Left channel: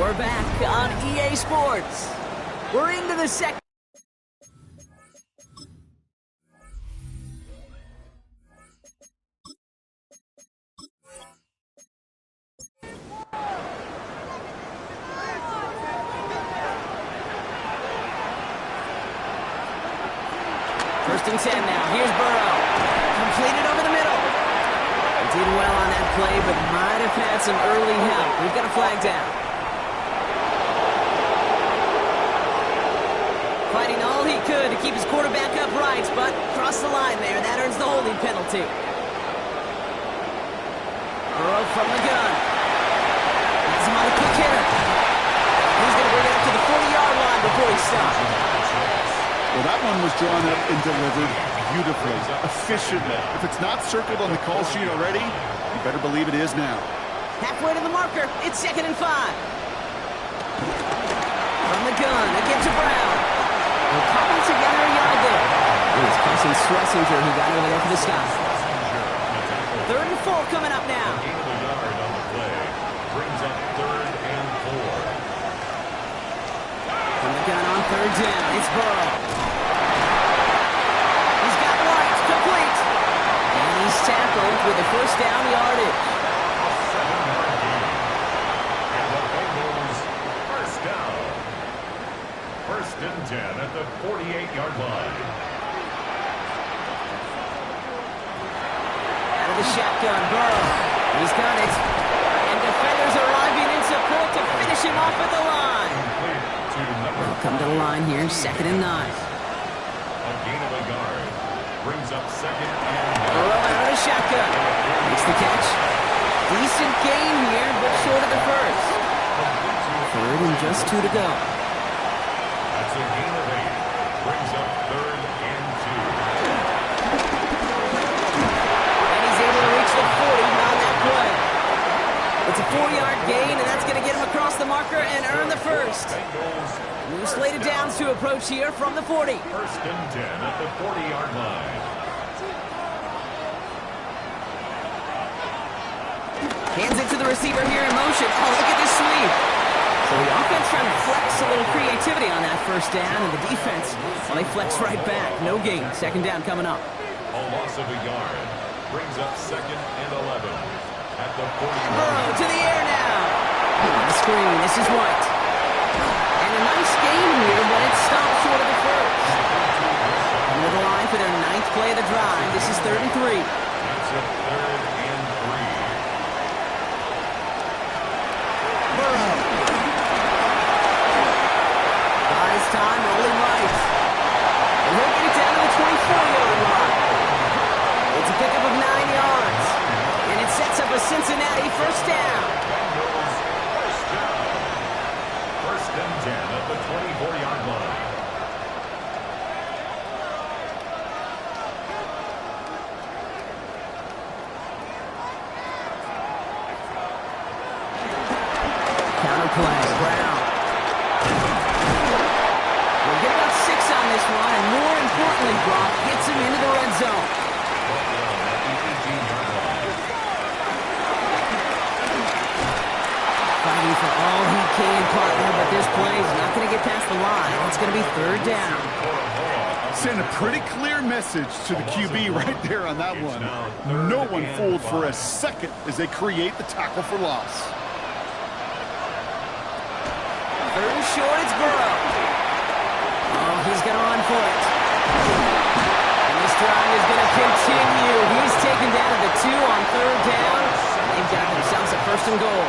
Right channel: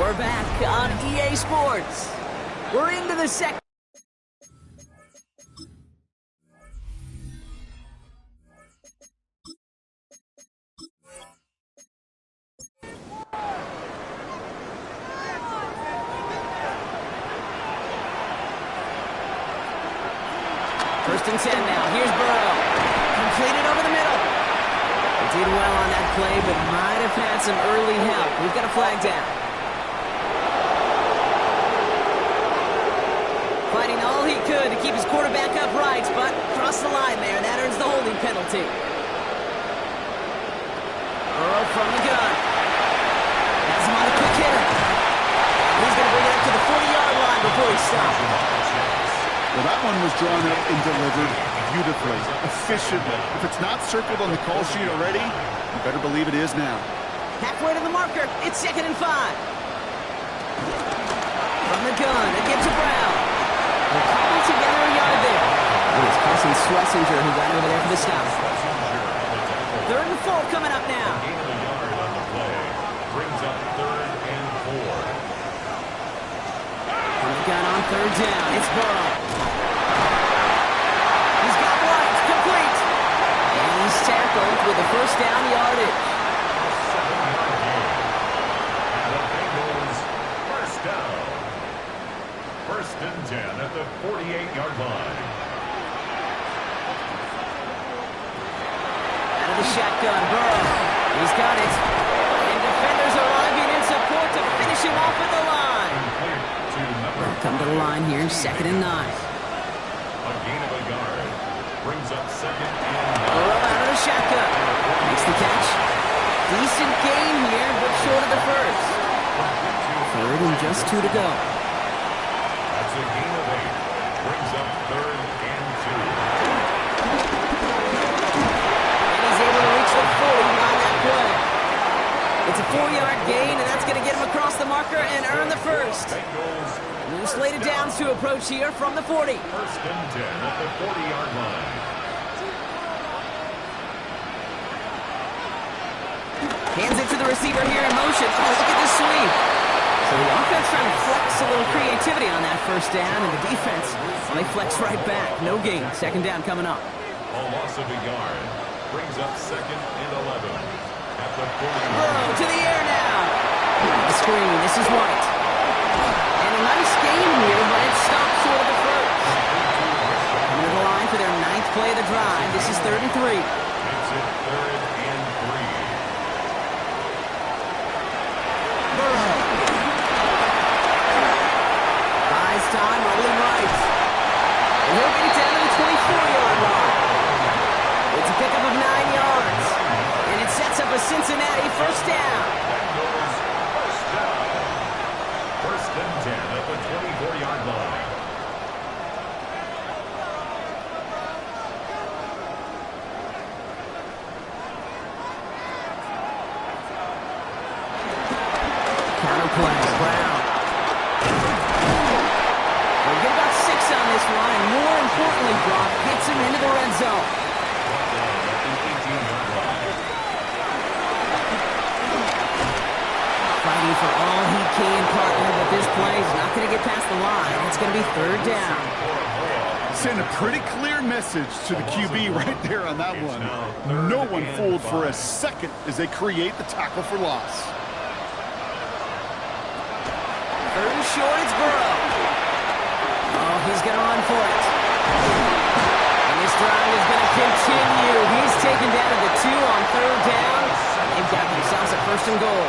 We're back on EA Sports. We're into the second. First and 10 now. Here's Burrow. Completed over the middle. He did well on that play, but might have had some early help. We've got a flag down. Fighting all he could to keep his quarterback upright, but crossed the line there. That earns the holding penalty. Burrow from the gun. Has him on a quick hitter. He's going to bring it up to the 40-yard line before he stops. Well, that one was drawn up and delivered beautifully, efficiently. If it's not circled on the call sheet already, you better believe it is now. Halfway to the marker. It's 2nd and 5. From the gun, again to Brown. We're cobbled together a yard there. It was Carson Schlesinger who got over there for the stop. 3rd and 4 coming up now. Gain of a yard on the play brings up 3rd and 4. From the gun on 3rd down, it's Burrow. He's got White, complete. And he's tackled with the first down yardage. A 7-yard gain. And the Bengals first down. 1st and 10 at the 48-yard line. Out of the shotgun, Burrow. He's got it. And defenders arriving in support to finish him off at the line. Come to the line here, 2nd and 9. A gain of a yard brings up 2nd and 9. Burrow out of the shotgun. Makes the catch. Decent gain here, but short of the first. 3rd and just 2 to go. That's a gain of 8. Brings up 3rd and 2. And he's able to reach the 40 on that play. It's a 4-yard gain, and that's going to get him across the marker and earn the first. New slated downs to approach here from the 40. 1st and 10 at the 40-yard line. Hands it to the receiver here in motion. Oh, look at this sweep. So the offense trying to flex a little creativity on that first down, and the defense, well, they flex right back. No gain. 2nd down coming up. A loss of a yard brings up 2nd and 11 at the 40. Burrow to the air now. On the screen, this is White. And a nice gain here, but it's stopped short of the first. Coming to the line for their 9th play of the drive. This is 3rd and 3. It's at 3rd and 3. Burrow. Buys time, rolling right. And he'll get it down to the 24-yard line. It's a pickup of 9 yards. And it sets up a Cincinnati first down. Bengals first down. 1st and 10 at the 24-yard line. Counter play, Brown. We'll get about 6 on this one, and more importantly, Brock gets him into the red zone. Brought down at the 18-yard line. Fighting for all he can, partner, but this play is not going to get past the line. It's going to be 3rd down. Send a pretty clear message to the QB right there on that one. No one fooled for a second as they create the tackle for loss. 3rd and short, it's Burrow. Oh, he's going to run for it. And this drive is going to continue. He's taken down at the 2 on 3rd down. They've got themselves a 1st and goal.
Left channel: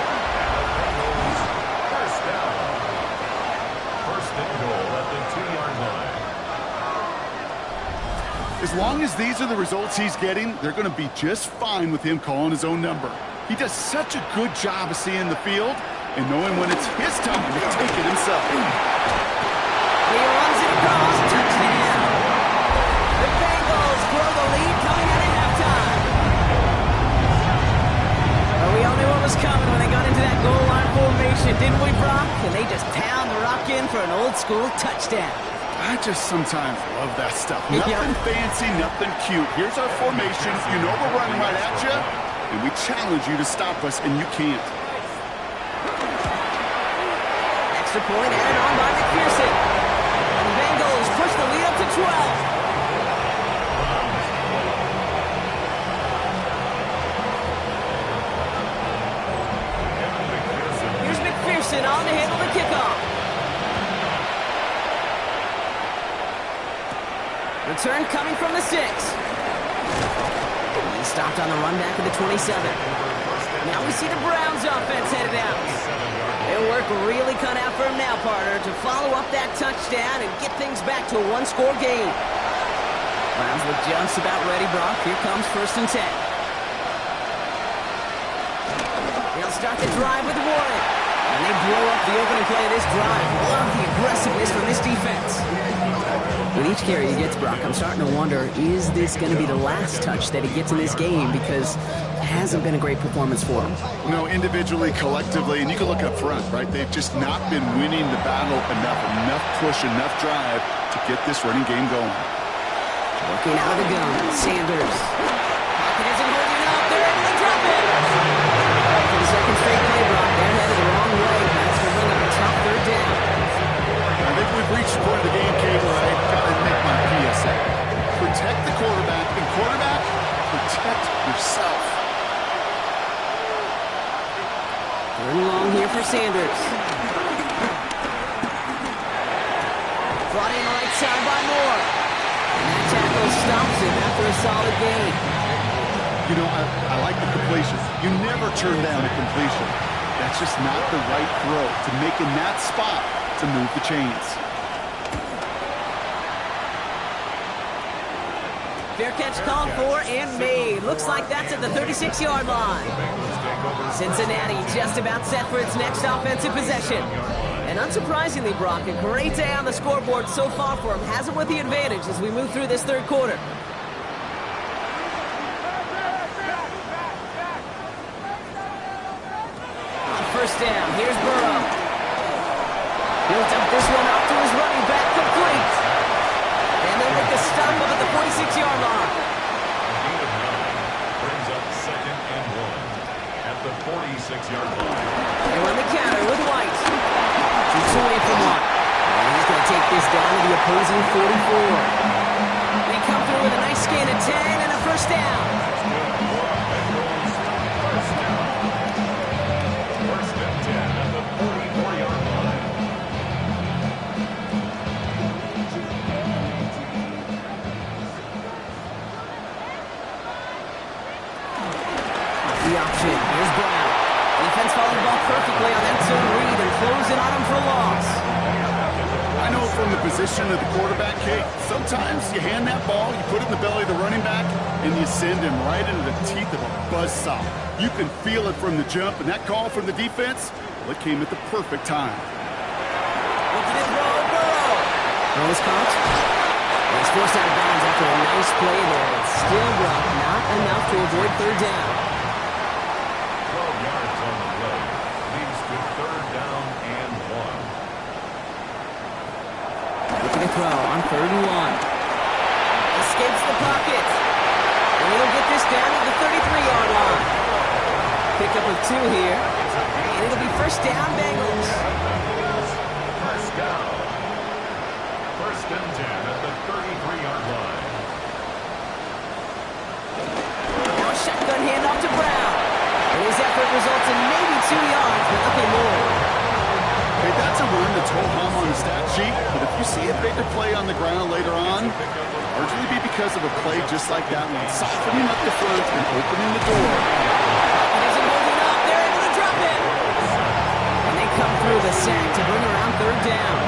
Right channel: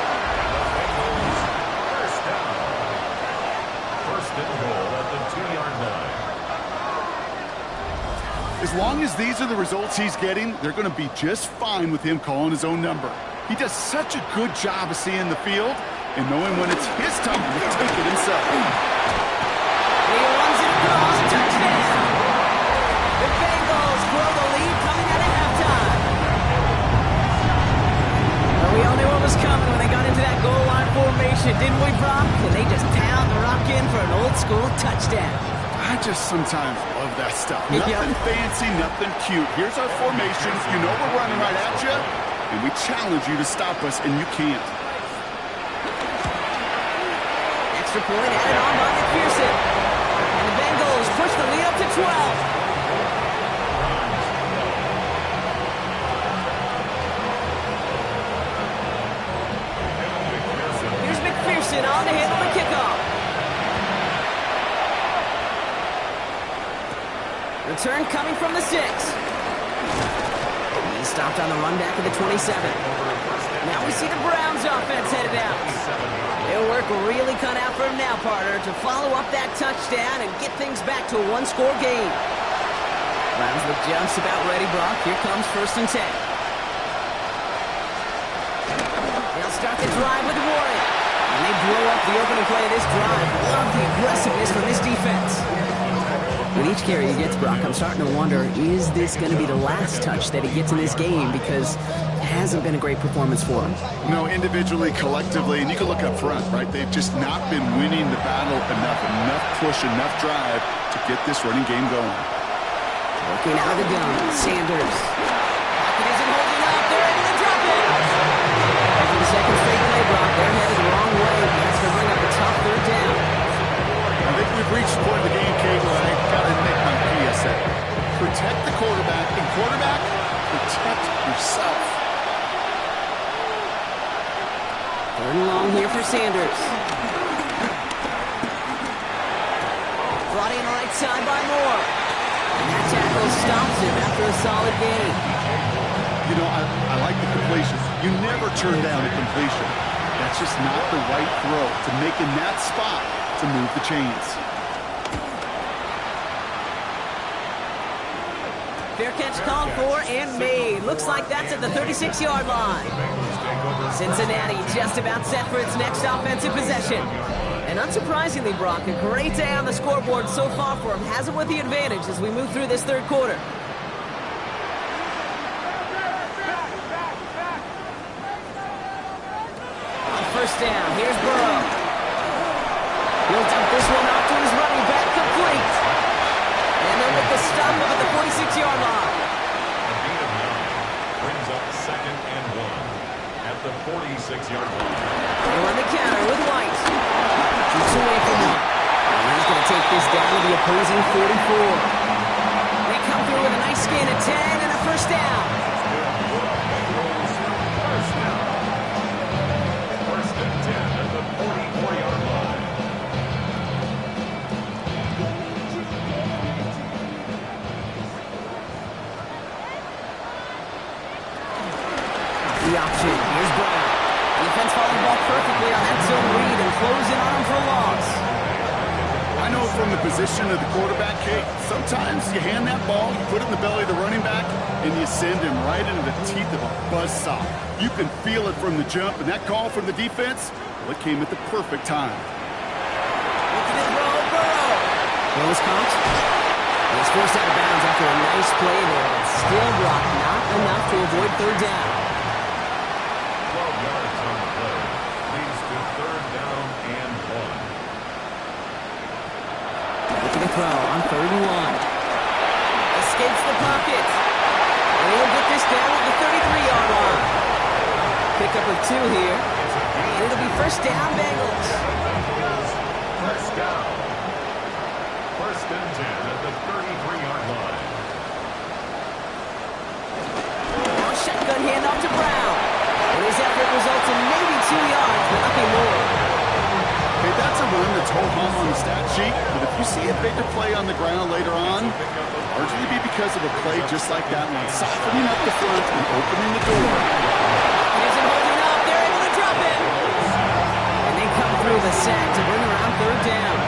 First down. 1st and goal at the 2-yard line. As long as these are the results he's getting, they're going to be just fine with him calling his own number. He does such a good job of seeing the field and knowing when it's his time to take it himself. He runs it across, touchdown! The Bengals grow the lead coming out of halftime. Well, we all knew what was coming when they got into that goal line formation, didn't we, Brock? And they just pound the rock in for an old-school touchdown. I just sometimes love that stuff. Nothing fancy, nothing cute. Here's our formation. You know we're running right at you, and we challenge you to stop us, and you can't. extra point added on by McPherson. And the Bengals push the lead up to 12. Here's McPherson on to handle the kickoff. Return coming from the 6. He stopped on the run back at the 27. Now we see the Browns offense headed out. Their work really cut out for him now, partner, to follow up that touchdown and get things back to a one-score game. Browns look just about ready, Brock. Here comes 1st and 10. They'll start the drive with Warren. And they blow up the opening play of this drive. Love the aggressiveness from this defense. With each carry he gets, Brock, I'm starting to wonder, is this going to be the last touch that he gets in this game? Because it hasn't been a great performance for him. You know, individually, collectively, and you can look up front, right? They've just not been winning the battle enough push, enough drive to get this running game going. Working out of the gun, Sanders. Pocket isn't holding up. They're able to drop it. For the second straight play, Brock, they're headed the wrong way. That's going to bring up a tough 3rd down. I think we've reached the point of the game, Kate, where I got to make my PSA. Protect the quarterback, and quarterback, protect yourself. 3rd and long here for Sanders. Brought in right side by Moore. And that tackle stops him after a solid gain. You know, I like the completion. You never turn down a completion. That's just not the right throw to make in that spot to move the chains. Fair catch called for and made. Looks like that's at the 36-yard line. Cincinnati just about set for its next offensive possession. And unsurprisingly, Brock, a great day on the scoreboard so far for him. Has him with the advantage as we move through this 3rd quarter. On 1st down, here's Burrow. He'll dump this one off to his running back, complete. And they'll make the stop up at the 46-yard line. A gain of 9 brings up 2nd and 1 at the 46-yard line. They run the counter with White. Shoots away from one. And he's going to take this down to the opposing 44. They come through with a nice gain of 10 and a 1st down. That's good for a Bengals 1st down. 1st and 10 at the 44-yard line. The option. Here's Brown. Defense followed the ball perfectly on that zone read and closing on him for a loss. I know from the position of the quarterback, Kate, sometimes you hand that ball, you put it in the belly of the running back, and you send him right into the teeth of a buzzsaw. You can feel it from the jump, and that call from the defense, well, it came at the perfect time. Looking to throw, Burrow. Throw is caught. And he's forced out of bounds after a nice play there, but still, Brock, not enough to avoid 3rd down. 12 yards on the play. Leads to 3rd down and 1. Looking to throw on 3rd and 1. Escapes the pocket. And he'll get this down at the 33-yard line. Pickup of 2 here. And it'll be 1st down, Bengals. 1st down. 1st and 10 at the 33-yard line. Now a shotgun handoff to Brown. And his effort results in maybe 2 yards, but nothing more. Hey, that's a run that's ho-hum on the stat sheet, but if you see a bigger play on the ground later on, it'll largely be because of a play just like that one, softening up the front and opening the door. And isn't holding up. They're able to drop it. And they come through the sack to bring around 3rd down.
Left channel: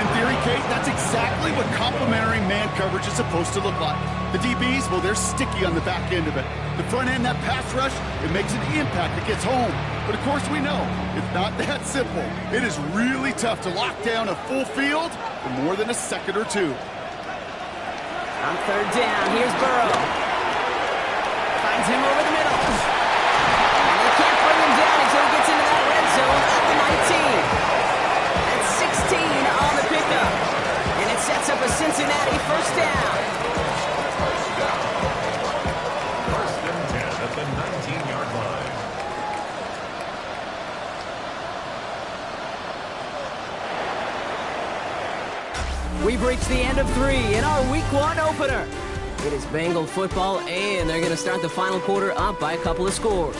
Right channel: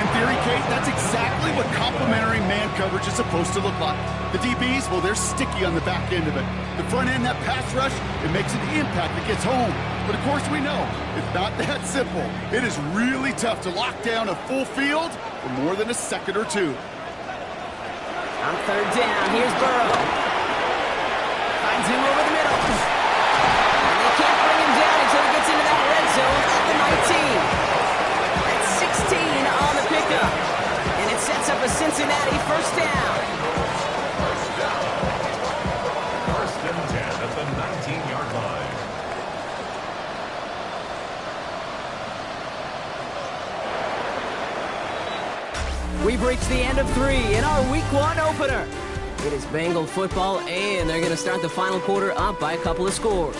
In theory, Kate, that's exactly what complementary man coverage is supposed to look like. The DBs, well, they're sticky on the back end of it. The front end, that pass rush, it makes an impact that gets home. But of course we know, it's not that simple. It is really tough to lock down a full field for more than a second or two. On 3rd down, here's Burrow. Finds him over the middle. And they can't bring him down until he gets into that red zone at the 19. That's 16 on the pickup. And it sets up a Cincinnati 1st down. 1st and 10 at the 19-yard line. We've reached the end of 3 in our Week 1 opener. It is Bengal football, and they're going to start the final quarter up by a couple of scores.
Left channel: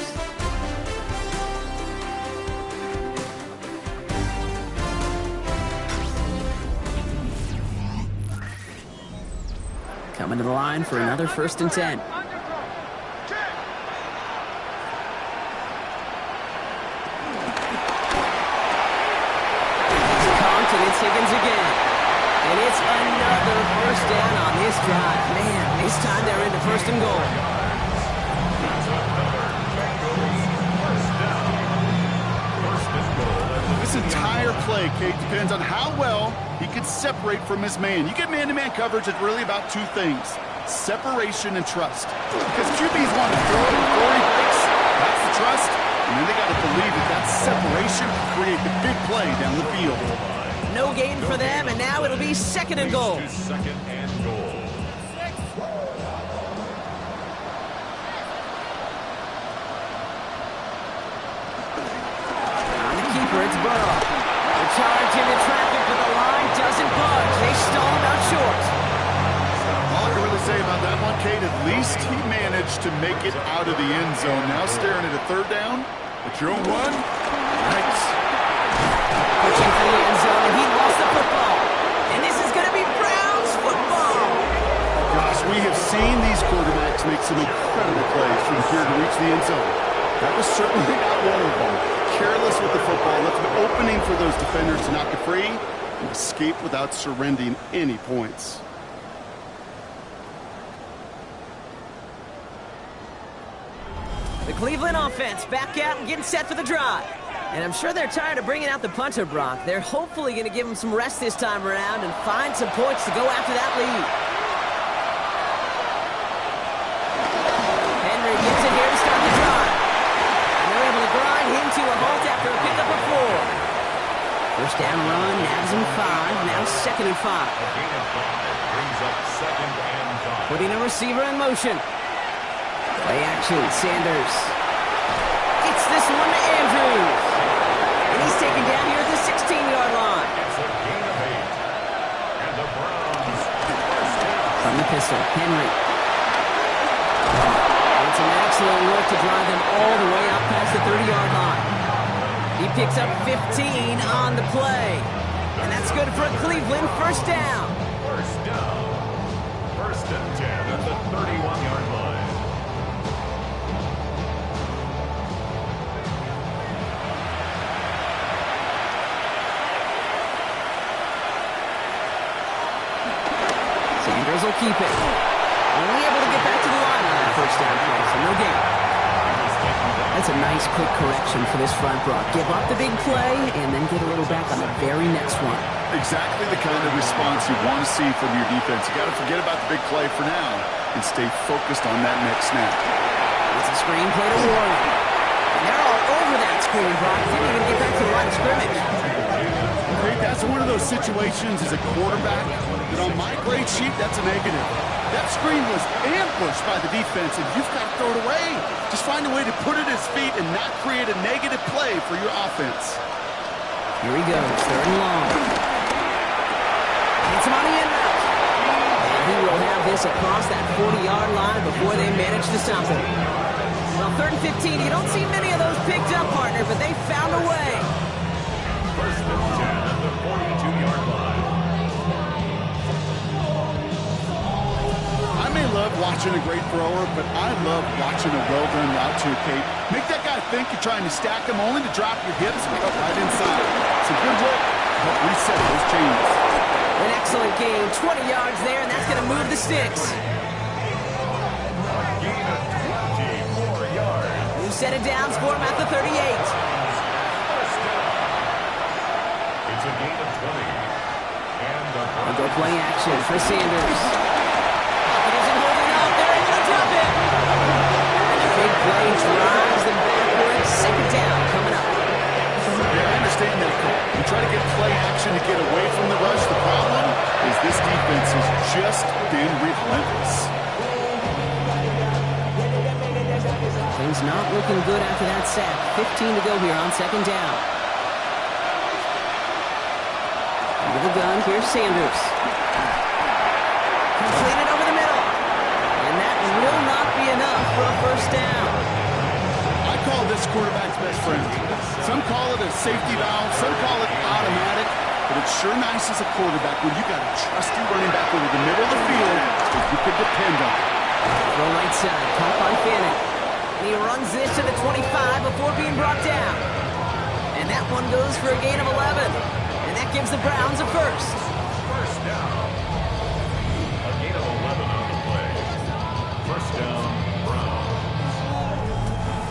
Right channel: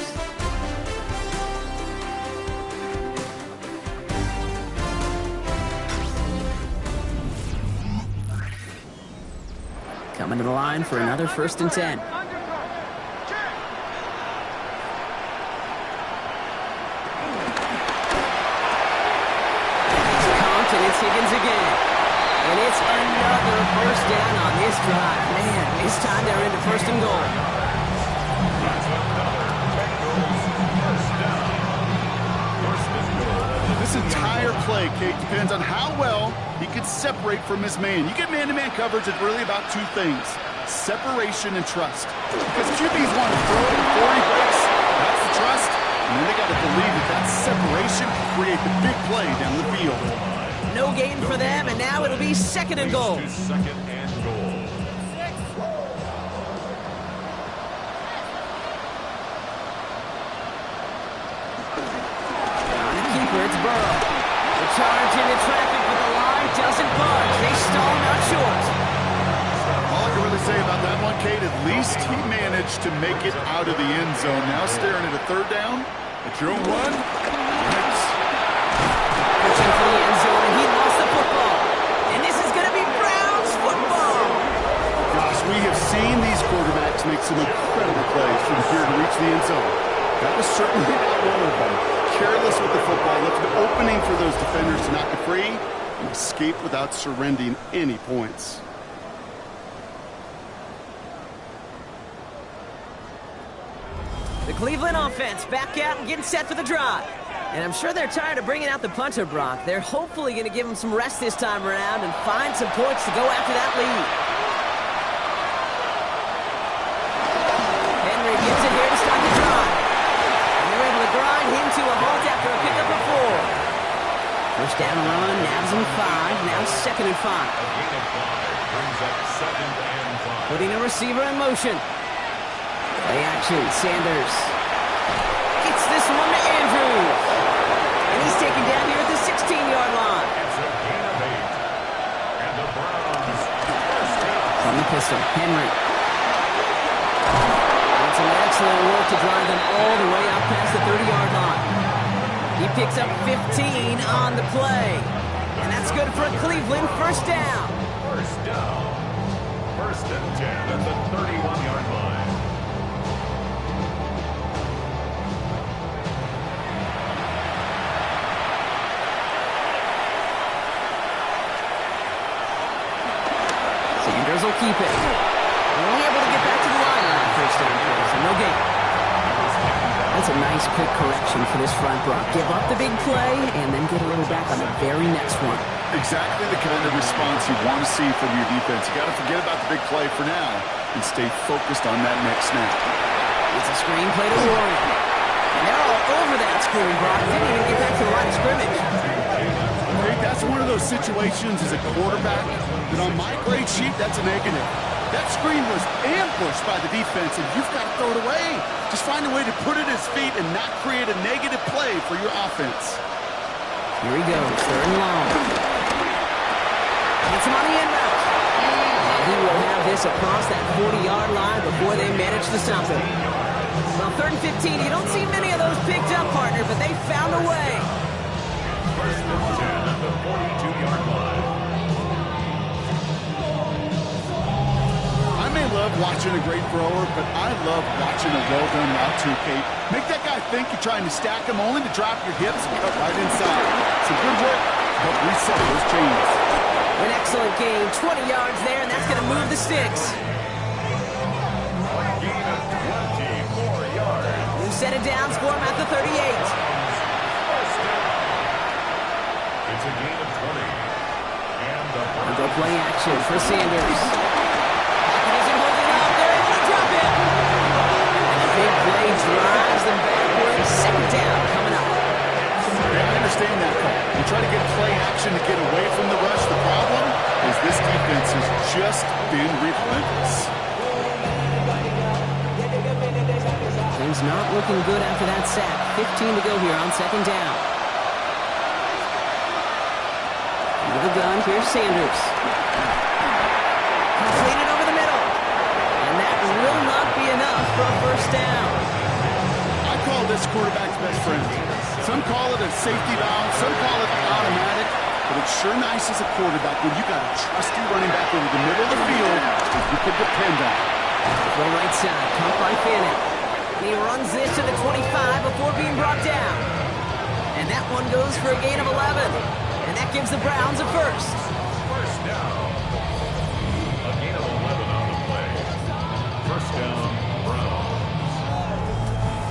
Coming to the line for another 1st and 10. And it's Higgins again. And it's another 1st down on this drive. Man, this time they're into 1st and goal. That's another Bengals 1st down. 1st and goal. This entire play, Kate, depends on how well he can separate from his man. You get man-to-man coverage, it's really about 2 things. Separation and trust. Because QBs want to throw it before he breaks. That's the trust. And then they got to believe that separation can create the big play down the field. No gain for them, and now it'll be 2nd and goal. 2nd and goal. On the keeper, it's Burrow. The charge into traffic, but the line doesn't budge. They stall him out short. All I can really say about that one, Kate, at least he managed to make it out of the end zone. Now staring at a 3rd down. At your own 1. Nice. Pushing for the end zone, and he lost the football. And this is going to be Browns football. Gosh, we have seen these quarterbacks make some incredible plays from here to reach the end zone. That was certainly not one of them. Careless with the football, left an opening for those defenders to knock it free and escape without surrendering any points. The Cleveland offense back out and getting set for the drive. And I'm sure they're tired of bringing out the punter, Brock. They're hopefully going to give him some rest this time around and find some points to go after that lead. Henry gets it here to start the drive. And they're able to grind him to a halt after a pickup of 4. 1st down run, nabs him 5, now 2nd and 5. A gain of 5 brings up 2nd and 5. Putting a receiver in motion. Play action, Sanders. Gets this one to Andrews. And he's taken down here at the 16-yard line. It's a gain of 8. And the Browns 1st down. From the pistol, Henry. And some excellent work to drive them all the way out past the 30-yard line. He picks up 15 on the play. And that's good for a Cleveland 1st down. 1st down. 1st and 10 at the 31-yard line. Sanders will keep it. Only able to get back to the line on that 1st down play, so no gain. That's a nice quick correction for this front, Brock. Give up the big play and then get a little back on the very next one. Exactly the kind of response you want to see from your defense. You got to forget about the big play for now and stay focused on that next snap. It's a screen play to Warren. And they're all over that screen, Brock. Didn't even get back to the line of scrimmage. Hey, that's one of those situations as a quarterback that on my grade sheet, that's a negative. That screen was ambushed by the defense, and you've got to throw it away. Just find a way to put it at his feet and not create a negative play for your offense. Here he goes, 3rd and long. Gets him on the end route. And he will have this across that 40-yard line before they manage to stop him. Well, 3rd and 15, you don't see many of those picked up, partner, but they found a way. 1st and 10 at the 42-yard line. I may love watching a great thrower, but I love watching a well-done route too, Kate. Make that guy think you're trying to stack him only to drop your hips and cut right inside. Some good work to help reset those chains. An excellent gain, 20 yards there, and that's going to move the sticks. A gain of 24 yards. New set of downs for him at the 38. 1st down. It's a gain of 20. And the I'll go play action for Sanders. Pocket isn't holding up. They're able to drop him. And a big play drives them backwards. 2nd down coming up. Yeah, I understand that call. You try to get play action to get away from the rush. The problem is this defense has just been relentless. Things not looking good after that sack. 15 to go here on 2nd down. Into the gun, here's Sanders. Completed over the middle. And that will not be enough for a first down. I call this quarterback's best friend. Some call it a safety valve, some call it automatic, but it's sure nice as a quarterback when you got a trusty running back over the middle of the field that you can depend on. Throw right side, caught by Fannin. And he runs this to the 25 before being brought down. And that one goes for a gain of 11. And that gives the Browns a first. First down. A gain of 11 on the play. First down, Browns.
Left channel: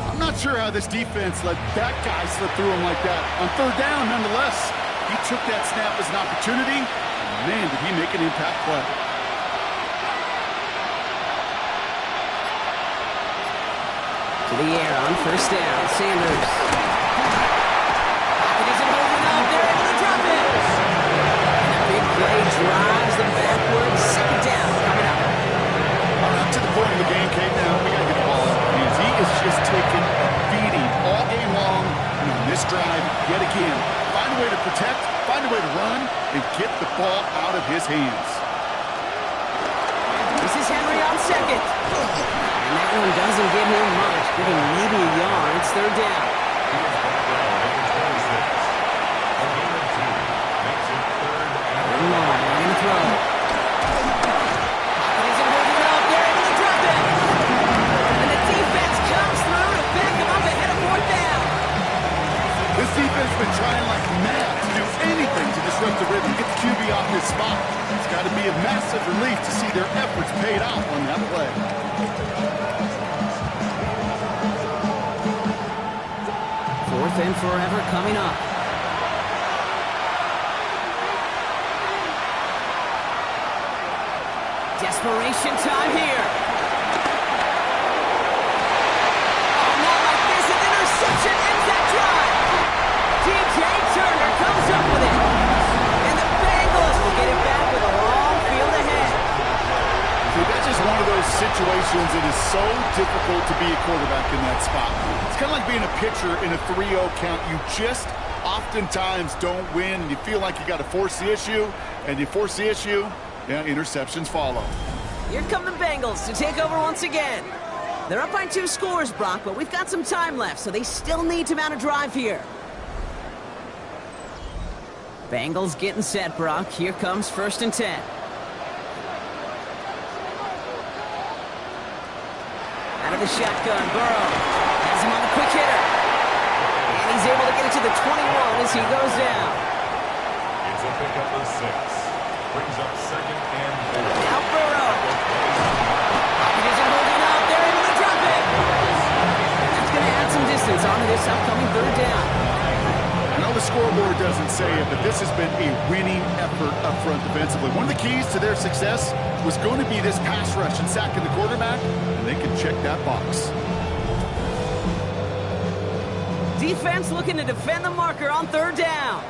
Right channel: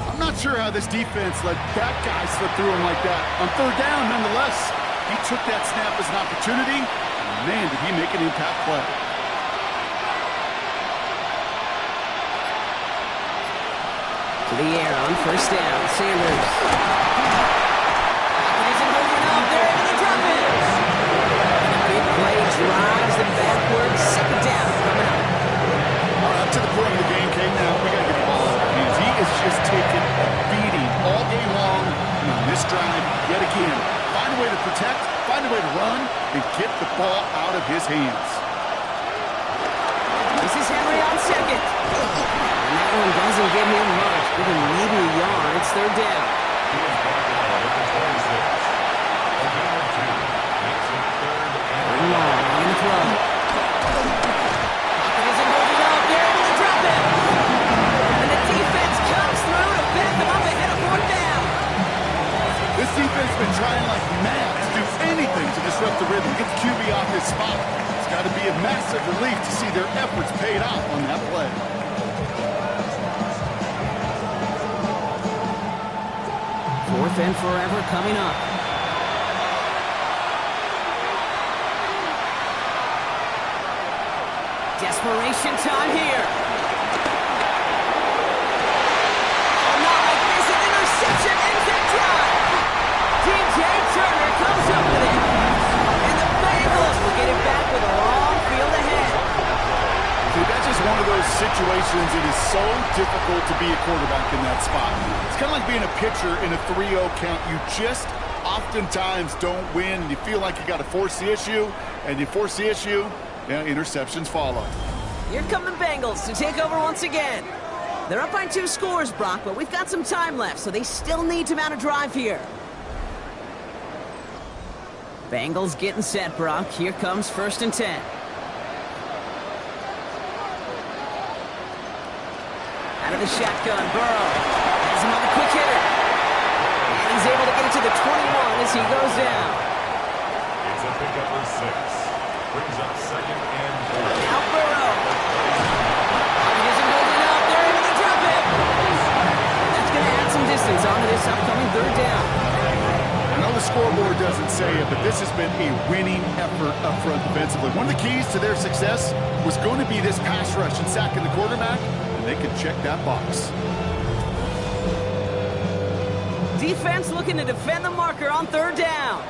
I'm not sure how this defense let that guy slip through him like that. On third down, nonetheless, he took that snap as an opportunity. And man, did he make an impact play. To the air on first down, Sanders. Pocket isn't holding up, they're able to drop it. And a big play drives them backwards. Second down coming up. All right, up to the point of the game, Kate, now we got to get the ball out of his hands. He is just taking a beating all game long. And on this drive, yet again, find a way to protect, find a way to run, and get the ball out of his hands. This is Henry on second. And that one doesn't give him much. Give him maybe a yard. It's third down. He was brought down at the 26. A gain of 2 makes it third and long. We're going to throw. Pocket isn't holding up. They're able to drop it. And the defense comes through to back him up ahead of fourth down. This defense has been trying like mad to do anything to disrupt the rhythm, get the QB off his spot. It's got to be a massive relief to see their efforts paid off on that play. Fourth and forever coming up. Desperation time here. Oh, not like this. An interception ends that drive. DJ Turner comes up with it. And the Bengals will get it back with a long field ahead. See, that's just one of those situations. It is so difficult to be a quarterback in that spot. It's kind of like being a pitcher in a 3-0 count. You just oftentimes don't win, and you feel like you got to force the issue, and you force the issue, yeah, interceptions follow. Here come the Bengals to take over once again. They're up by 2 scores, Brock, but we've got some time left, so they still need to mount a drive here. Bengals getting set, Brock. Here comes first and 10. Out of the shotgun, Burrow has him on the quick hitter. And he's able to get it to the 21 as he goes down. it's a pickup of 6. Brings up second and 4. Now Burrow. Pocket isn't holding up. They're able to drop it. And that's going to add some distance onto this upcoming third down. I know the scoreboard doesn't say it, but this has been a winning effort up front defensively. One of the keys to their success was going to be this pass rush and sacking the quarterback, and they can check that box. Defense looking to defend the marker on third down.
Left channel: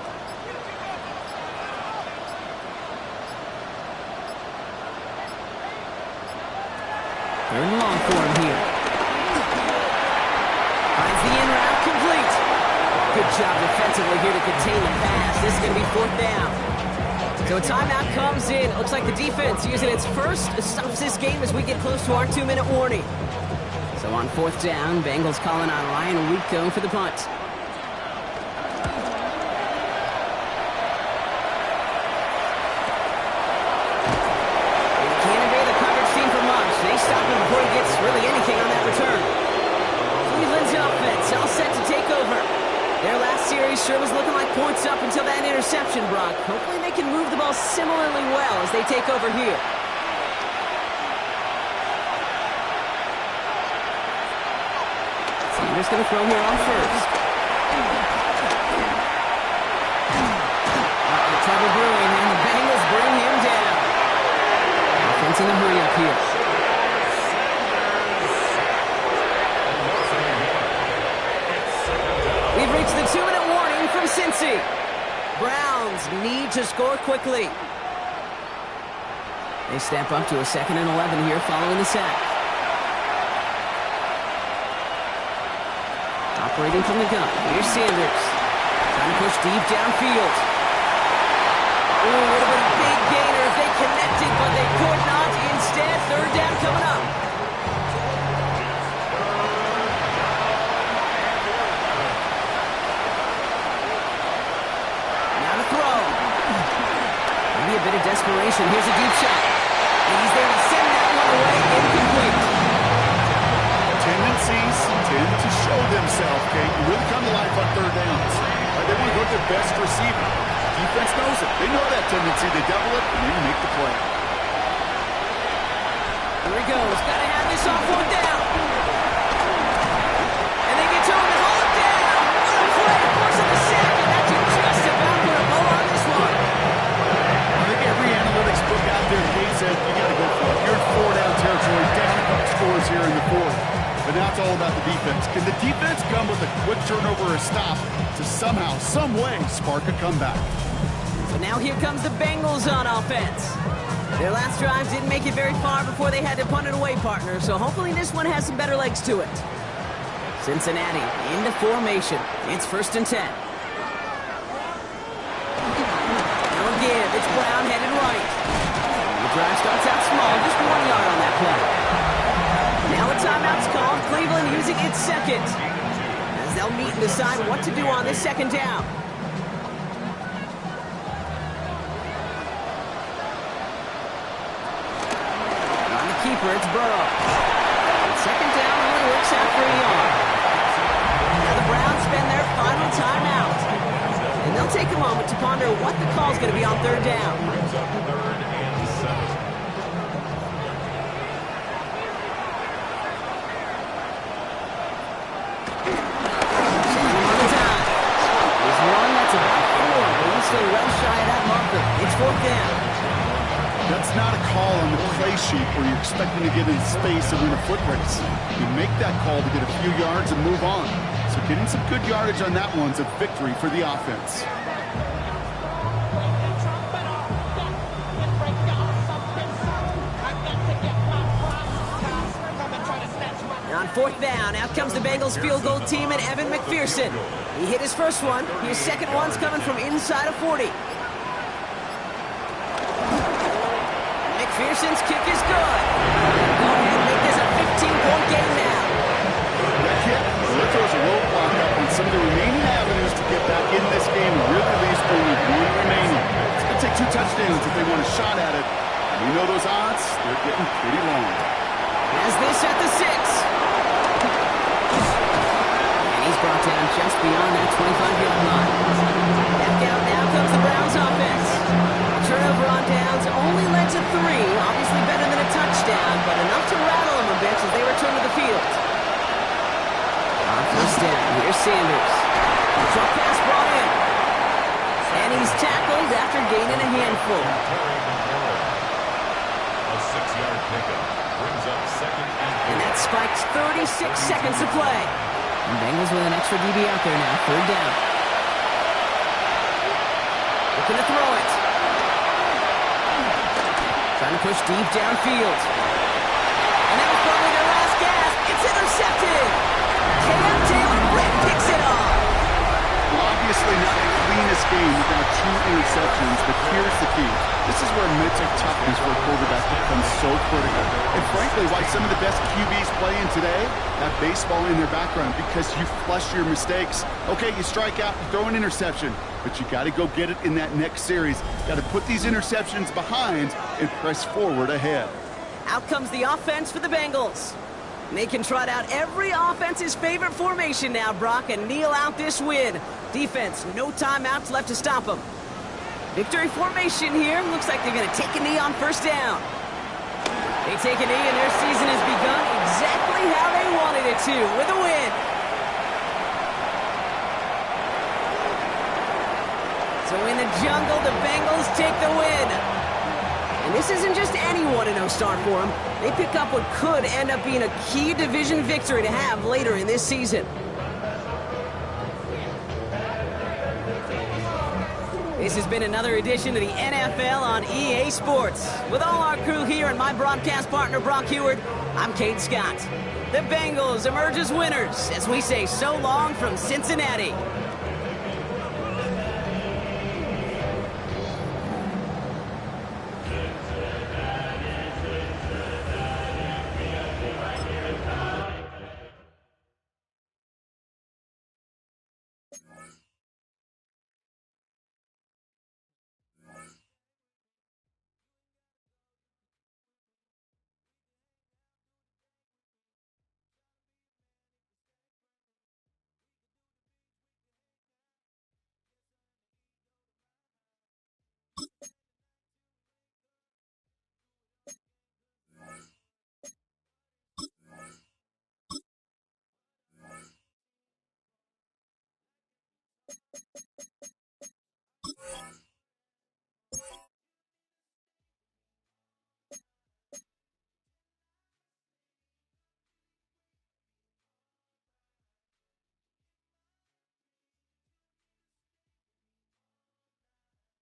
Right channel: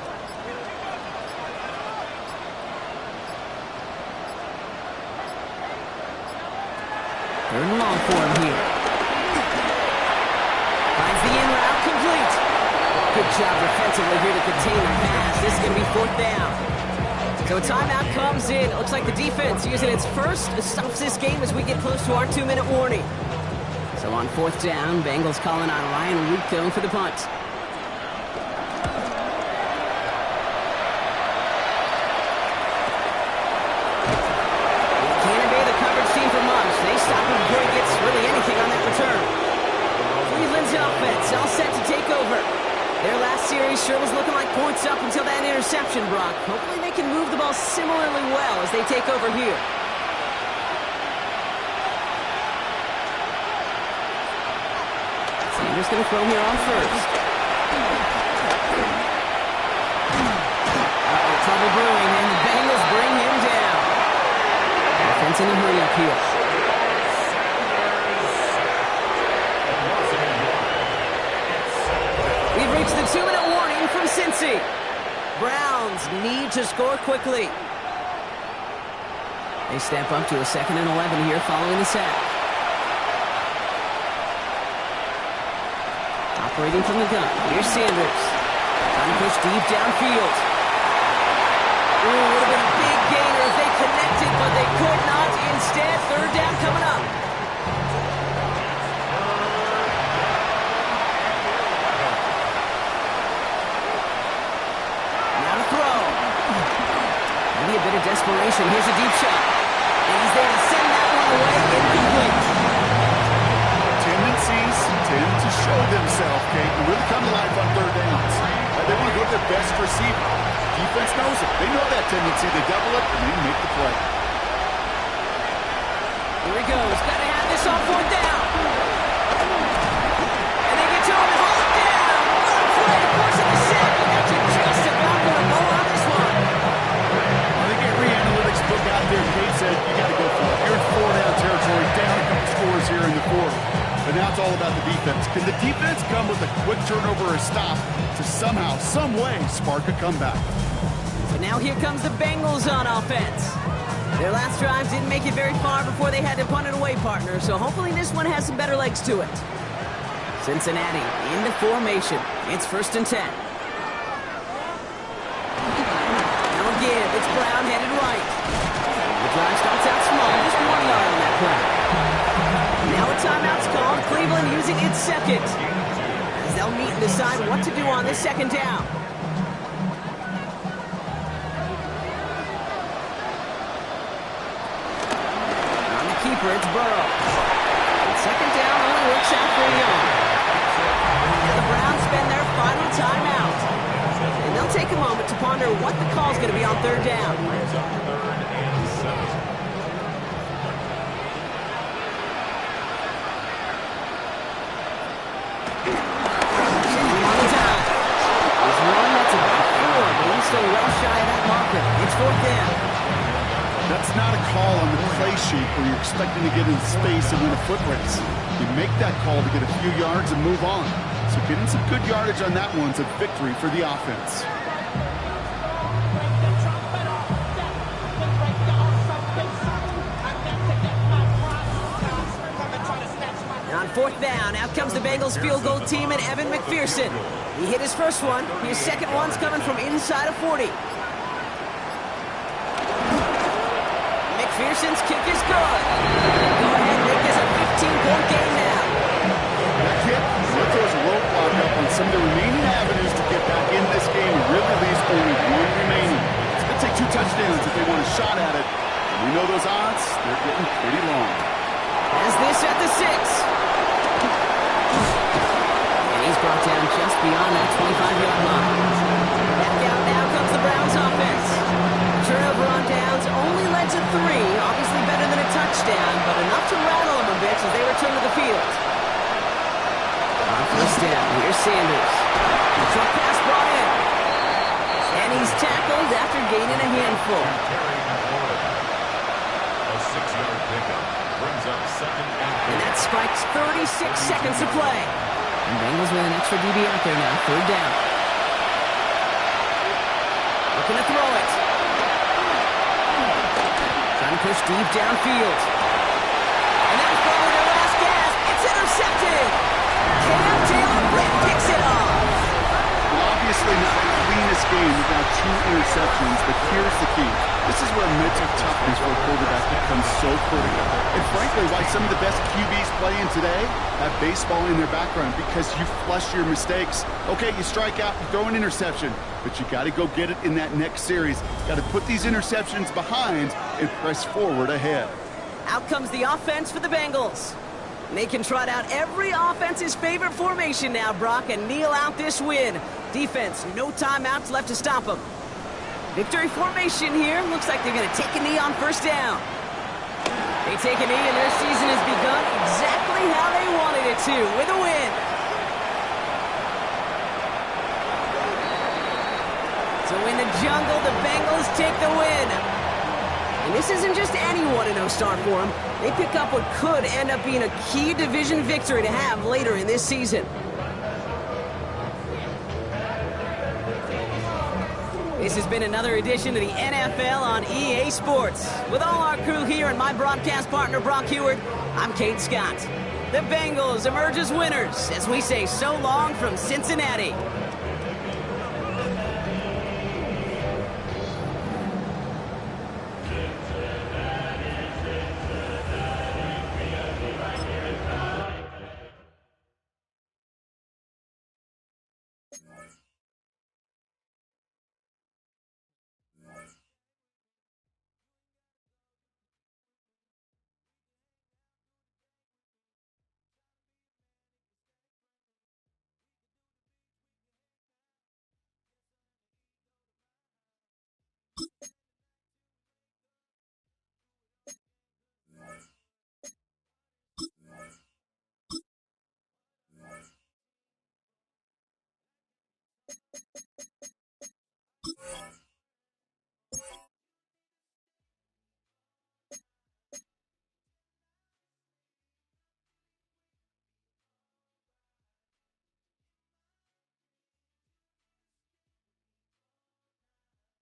Third and long for him here. Finds the in route complete. Good job defensively here to contain the pass. This is going to be fourth down. So a timeout comes in. It looks like the defense using its first stops this game as we get close to our 2-minute warning. So on fourth down, Bengals calling on Ryan Rico for the punt. Can't obey the coverage team for much. They stop him before he gets really anything on that return. Cleveland's offense all set to take over. Their last series sure was looking like points up until that interception, Brock. Hopefully they can move the ball similarly well as they take over here. Sanders going to throw here on first. Uh-oh, trouble brewing, and the Bengals bring him down. Offense in a hurry up here. We've reached the 2-minute warning from Cincy. Browns need to score quickly. They step up to a 2nd and 11 here following the sack. Operating from the gun, here's Sanders. Trying to push deep downfield. Ooh, would have been a big gainer if they connected, but they could not. Instead, third down coming up. Now to throw. Maybe a bit of desperation. Here's a deep shot. And he's there to send that one away. Incomplete. Tendencies tend to show themselves, Kate, and really come to life on third downs. They want to go to their best receiver. Defense knows it. They know that tendency. They double it, and they make the play. Here he goes. Got to have this on fourth down. And they get to him and haul him down. What a play. Forcing the sack, and that should just about put a bow on this one. I think every analytics book out there, Kate said, you got to go for it. You're in four-down territory, down a couple scores here in the fourth. But now it's all about the defense. Can the defense come with a quick turnover or a stop to somehow, some way, spark a comeback? But now here comes the Bengals on offense. Their last drive didn't make it very far before they had to punt it away, partner, so hopefully this one has some better legs to it. Cincinnati into formation. It's 1st and 10. Now again, it's Brown headed right. The drive starts out small, just 1 yard on that play. Now a timeout's called, Cleveland using its second, as they'll meet and decide what to do on this second down. On the keeper, it's Burrow. And second down only works out for a yard. Now the Browns spend their final timeout. And they'll take a moment to ponder what the call's going to be on third down. Brings up 3rd and 7. Run that's about 4, but he's still well shy of that marker. It's 4th down. That's not a call on the play sheet where you're expecting to get in space and win a foot race. You make that call to get a few yards and move on. So getting some good yardage on that one's a victory for the offense. On 4th down, out comes the Bengals field goal team and Evan McPherson. He hit his first one. His second one's coming from inside of 40. McPherson's kick is good. Go ahead and make this a 15-point game now. That kick, well, it throws a roadblock up on some of the remaining avenues to get back in this game and really leaves only one remaining. It's going to take 2 touchdowns if they want a shot at it. We know those odds, they're getting pretty long. Has this at the 6. And he's brought down just beyond that 25-yard line. Back out now comes the Browns offense. Turnover on downs only led to 3. Obviously better than a touchdown, but enough to rattle them a bit as they return to the field. On 1st down, here's Sanders. The truck pass brought in. And he's tackled after gaining a handful. A 6-yard pickup. Brings up 2nd and 4. And that spikes 36 seconds to play. And Bengals with an extra DB out there now. 3rd down. Looking to throw it. Trying to push deep downfield. And that was probably their last gasp. It's intercepted. Cam Taylor-Britt picks it off. Well, obviously not the cleanest game without 2 interceptions, but here's the key. This is where mental toughness for a quarterback becomes so critical. And frankly, why some of the best QBs playing today have baseball in their background, because you flush your mistakes. Okay, you strike out, you throw an interception, but you got to go get it in that next series. Got to put these interceptions behind and press forward ahead. Out comes the offense for the Bengals. And they can trot out every offense's favorite formation now, Brock, and kneel out this win. Defense, no timeouts left to stop them. Victory formation here. Looks like they're going to take a knee on 1st down. They take a knee, and their season has begun exactly how they wanted it to, with a win. So in the jungle, the Bengals take the win. And this isn't just any 1-0 start for them. They pick up what could end up being a key division victory to have later in this season. This has been another edition of the NFL on EA Sports. With all our crew here and my broadcast partner, Brock Heward, I'm Kate Scott. The Bengals emerge as winners as we say so long from Cincinnati.